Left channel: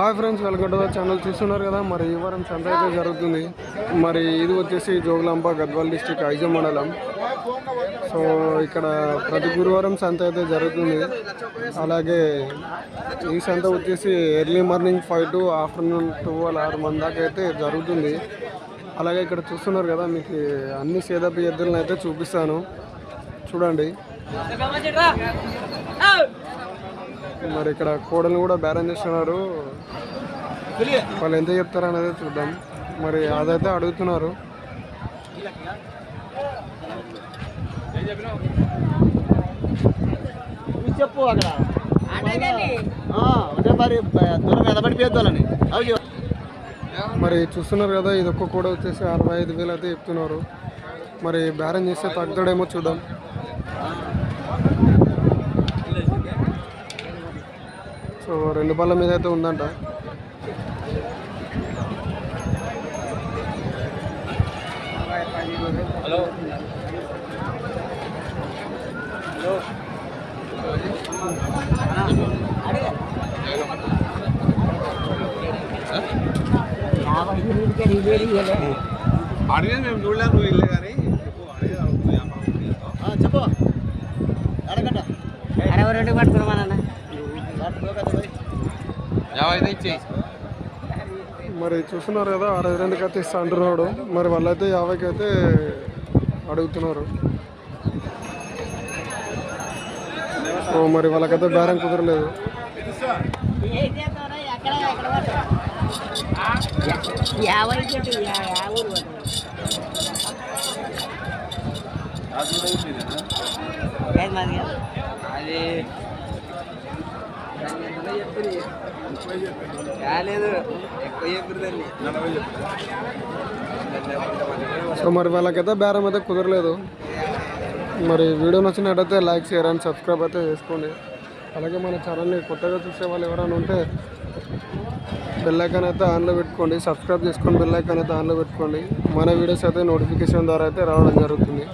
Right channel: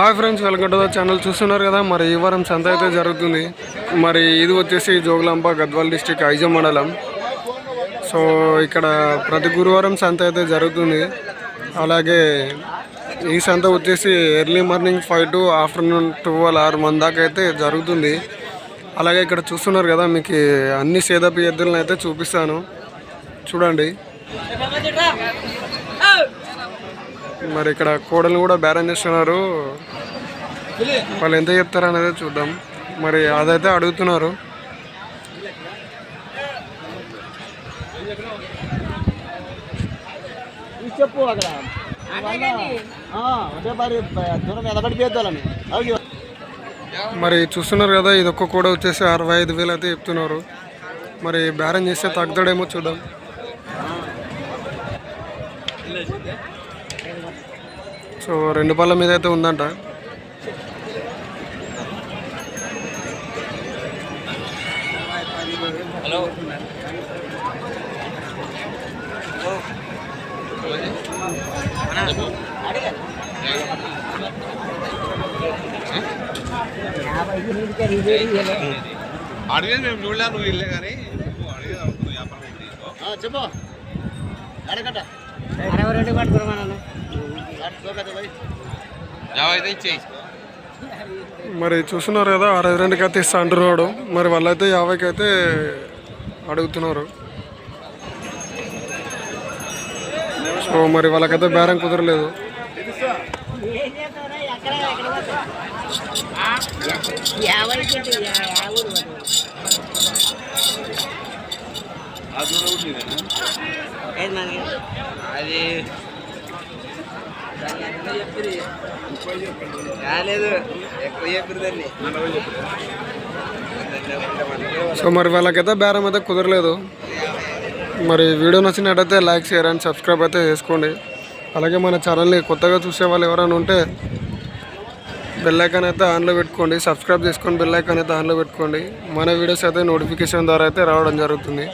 Hi friends, welcome to the channel. చూస్తున్నారు కదా, మరి ఈ వారం సంత అయితే జరుగుతుంది. మరి ఇది వచ్చేసి జోగులాంబ గద్వాల్ డిస్టిక్ ఐజం మండలం. సో ఇక్కడ ప్రతి గురువారం సంత అయితే జరుగుతుంది. అలాగే ఈ సంత వచ్చేసి ఎర్లీ మార్నింగ్ 5 to ఆఫ్టర్నూన్ 12 6 మంది దాకా అయితే జరుగుతుంది. అలాగే ఇక్కడ చూస్తున్నారు కదా, మీకు అన్ని సేదపి ఎద్దులను అయితే చూపిస్తాను, చూడండి. మరి ఇక్కడ కోడలు కూడా బేరం చేస్తున్నారు. వాళ్ళు ఎంత చెప్తారు అనేది చూద్దాం. మరి అదైతే అడుగుతున్నారు. చెప్పు అక్కడ మరి చూస్తున్నారు కదా, ఇది ఒక్క కూడా వచ్చేసి 65,000 అయితే చెప్తున్నారు. మరి బేరం చేస్తే తగ్గుతాడేమో చూద్దాం. సో 2 పళ్ళ మీద అయితే ఉందంట. మరి చూస్తున్నారు కదా, 62కి అయితే ఇస్తా అంటున్నాడు. మరి వాళ్ళైతే 50కి అయితే అడుగుతున్నారు. సో మరి వాళ్ళకైతే బేరం కుదరలేదు. సో మరి వాళ్ళకైతే బేరం అయితే కుదరలేదు. మరి వీడియో నచ్చినట్టయితే లైక్, షేర్ అండ్ సబ్స్క్రైబ్ అయితే చేసుకోండి. అలాగే మన ఛానల్ని కొత్తగా చూసే వాళ్ళు ఎవరైనా ఉంటే బెల్ ఐకాన్ అయితే ఆన్లో పెట్టుకోండి. సబ్స్క్రైబ్ చేసుకొని బెల్ ఐకాన్ అయితే ఆన్లో పెట్టుకోండి. మన వీడియోస్ అయితే నోటిఫికేషన్ ద్వారా అయితే రావడం జరుగుతుంది.